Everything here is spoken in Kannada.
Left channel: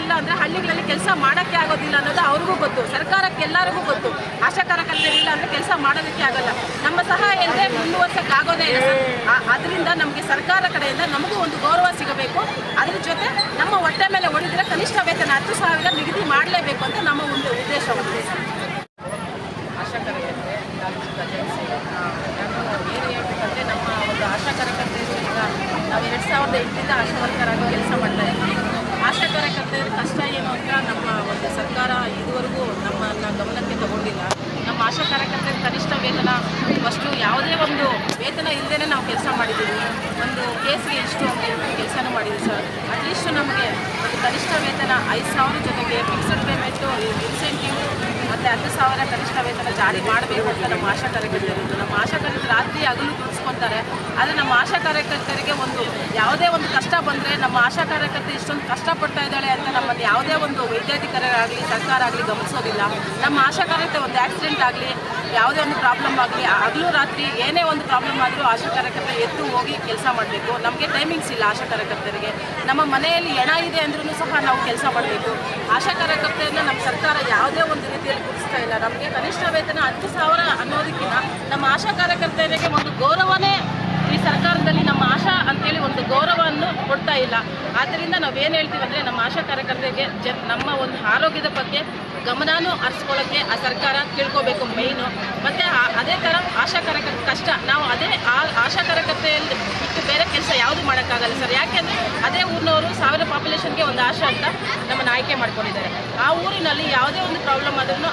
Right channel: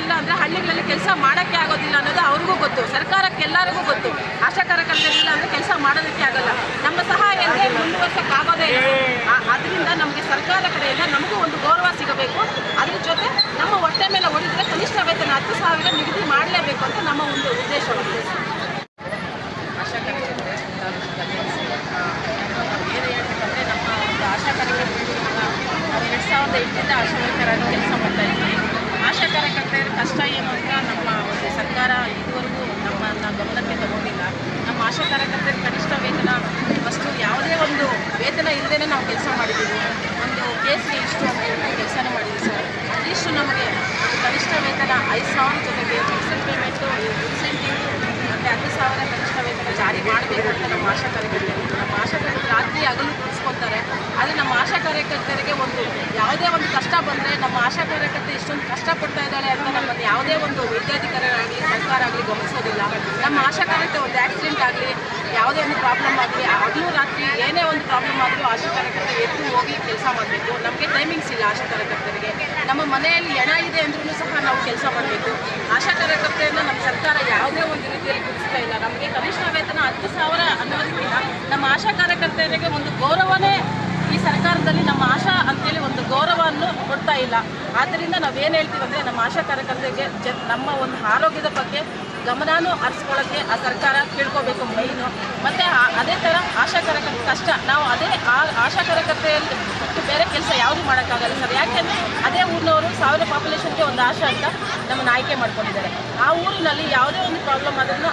ಇಲ್ಲ ಅಂದರೆ ಹಳ್ಳಿಗಳಲ್ಲಿ ಕೆಲಸ ಮಾಡೋಕ್ಕೆ ಆಗೋದಿಲ್ಲ ಅನ್ನೋದು ಅವ್ರಿಗೂ ಗೊತ್ತು, ಸರ್ಕಾರಕ್ಕೆ ಎಲ್ಲರಿಗೂ ಗೊತ್ತು. ಆಶಾ ಕಾರ್ಯಕರ್ತರಿಲ್ಲ ಅಂದರೆ ಕೆಲಸ ಮಾಡೋದಕ್ಕೆ ಆಗಲ್ಲ. ನಮ್ಮ ಸಹಾಯ ಅಂದರೆ ಮುಂದುವರ್ಸೋಕ್ಕಾಗೋದೇ ಇಲ್ಲ. ಅದರಿಂದ ನಮಗೆ ಸರ್ಕಾರ ಕಡೆಯಿಂದ ನಮಗೂ ಒಂದು ಗೌರವ ಸಿಗಬೇಕು. ಅದ್ರ ಜೊತೆ ನಮ್ಮ ಹೊಟ್ಟೆ ಮೇಲೆ ಹೊಡಿದ್ರೆ ಕನಿಷ್ಠ ವೇತನ 10,000 ನಿಗದಿ ಮಾಡಲೇಬೇಕು ಅಂತ ನಮ್ಮ ಒಂದು ಉದ್ದೇಶವಾಗಿದೆ. ಆಶಾ ಕಾರ್ಯಕರ್ತರು ಏನು ಹೇಳ್ಬೇಕಂದ್ರೆ, ನಮ್ಮ ಒಂದು ಆಶಾ ಕಾರ್ಯಕರ್ತರಿಗೆ ನಾವು 2008ರಿಂದ ಆಶಾ ವರ್ಕರಾಗಿ ಕೆಲಸ ಮಾಡ್ತಾ ಇದ್ದೀವಿ. ಆಶಾ ಕಾರ್ಯಕರ್ತರ ಕಷ್ಟ ಏನು ಅಂತ ನಮ್ಮ ಒಂದು ಸರ್ಕಾರ ಇದುವರೆಗೂ ನಮ್ಮನ್ನು ಗಮನಕ್ಕೆ ತಗೊಂಡಿಲ್ಲ. ನಮ್ಮ ಆಶಾ ಕಾರ್ಯಕರ್ತರ ಕನಿಷ್ಠ ವೇತನ ಫಸ್ಟು ಯಾವುದೇ ಒಂದು ವೇತನ ಇಲ್ಲದೇ ನಾವು ಕೆಲಸ ಮಾಡಿದ್ದೀವಿ. ಒಂದು ಕೇಸ್ಗೆ ಇಷ್ಟು ಕೆಲಸನೂ ಮಾಡಿದ್ದೀವಿ ಸರ್. ಅಟ್ಲೀಸ್ಟ್ ನಮಗೆ ಒಂದು ಕನಿಷ್ಠ ವೇತನ 5,000 ಜೊತೆಗೆ ಫಿಕ್ಸೆಡ್ ಪೇಮೆಂಟು, ಇನ್ಸೆಂಟಿವ್ ಮತ್ತು 10,000 ಕನಿಷ್ಠ ವೇತನ ಜಾರಿ ಮಾಡಬೇಕು ಅಂತ ನಮ್ಮ ಆಶಾ ಕಾರ್ಯಕರ್ತರಿದ್ದು. ನಮ್ಮ ಆಶಾ ಕಾರ್ಯಕರ್ತರು ರಾತ್ರಿ ಹಗಲು ದುಡಿಸ್ಕೊತಾರೆ. ಆದರೆ ನಮ್ಮ ಆಶಾ ಕಾರ್ಯಕರ್ತರಿಗೆ ಒಂದು ಯಾವುದೇ ಒಂದು ಕಷ್ಟ ಬಂದರೆ ನಮ್ಮ ಆಶಾ ಕಾರ್ಯಕರ್ತರು ಇಷ್ಟೊಂದು ಕಷ್ಟಪಡ್ತಾ ಇದ್ದಾಳೆ ಅಂತ ನಮ್ಮಲ್ಲಿ ಯಾವುದೇ ಒಂದು ವೈದ್ಯಾಧಿಕಾರಿಗಳಾಗಲಿ ಸರ್ಕಾರ ಆಗಲಿ ಗಮನಿಸೋದಿಲ್ಲ. ನಮ್ಮ ಆಶಾ ಕಾರ್ಯಕರ್ತರು ಒಂದು ಆಕ್ಸಿಡೆಂಟ್ ಆಗಲಿ, ಯಾವುದೇ ಒಂದು ಪ್ರಾಬ್ಲಮ್ ಆಗಲಿ, ಹಗಲು ರಾತ್ರಿ ಏನೇ ಒಂದು ಪ್ರಾಬ್ಲಮ್ ಆದರೂ ಆಶಾ ಕಾರ್ಯಕರ್ತರು ಎದ್ದು ಹೋಗಿ ಕೆಲಸ ಮಾಡಬೇಕು. ನಮಗೆ ಟೈಮಿಂಗ್ಸ್ ಇಲ್ಲ ಆಶಾ ಕಾರ್ಯಕರ್ತರಿಗೆ. ನಮ್ಮ ಮನೆಯಲ್ಲಿ ಹೆಣ ಇದೆ ಅಂದ್ರೂ ಸಹ ನಾವು ಕೆಲಸ ಮಾಡಬೇಕು. ಆಶಾ ಕಾರ್ಯಕರ್ತರನ್ನ ನಮ್ಮ ಸರ್ಕಾರ ಯಾವುದೇ ಒಂದು ರೀತಿಯಲ್ಲಿ ಗುರುತಿಸ್ತಾ ಇಲ್ಲ. ನಮಗೆ ಕನಿಷ್ಠ ವೇತನ 10,000 ಅನ್ನೋದಕ್ಕಿಂತ ನಮ್ಮ ಆಶಾ ಕಾರ್ಯಕರ್ತರಿಗೆ ಒಂದು ಗೌರವನೇ ಈ ಸರ್ಕಾರದಲ್ಲಿ ನಮ್ಮ ಆಶಾ ಅಂತೇಳಿ ಒಂದು ಗೌರವವನ್ನು ಕೊಡ್ತಾ ಇಲ್ಲ. ಆದ್ದರಿಂದ ನಾವೇನು ಹೇಳ್ತೀವಿ ಅಂದರೆ, ನಮ್ಮ ಆಶಾ ಕಾರ್ಯಕರ್ತರಿಗೆ ನಮ್ಮ ಒಂದು ಆರೋಗ್ಯದ ಬಗ್ಗೆ ಗಮನನೂ ಹರಿಸ್ಕೊಳ್ಳೋಕ್ಕೆ ಆ ಸರ್ಕಾರ ತಿಳ್ಕೋಬೇಕು ಮೈನು. ಮತ್ತು ಅದೇ ಥರ ಆಶಾ ಕಾರ್ಯಕರ್ತರ ಕಷ್ಟ ನಾವು ಆಶಾ ಕಾರ್ಯಕರ್ತೆಯಲ್ಲಿ ಬಿಟ್ಟು ಬೇರೆ ಕೆಲಸ ಯಾವುದು ಮಾಡೋಕ್ಕಾಗಲ್ಲ ಸರ್. ಯಾಕೆಂದರೆ ಅದೇ ಊರಿನವರು 1000 ಪಾಪ್ಯುಲೇಷನ್ಗೆ ಒಂದು ಆಶಾ ಅಂತ ನಮ್ಮನ್ನು ಆಯ್ಕೆ ಮಾಡ್ಕೊಂಡಿದ್ದಾರೆ. ಆ ಊರಿನಲ್ಲಿ ಯಾವುದೇ ಒಂದು ಪ್ರಾಬ್ಲಮ್ ಆದ್ರೂ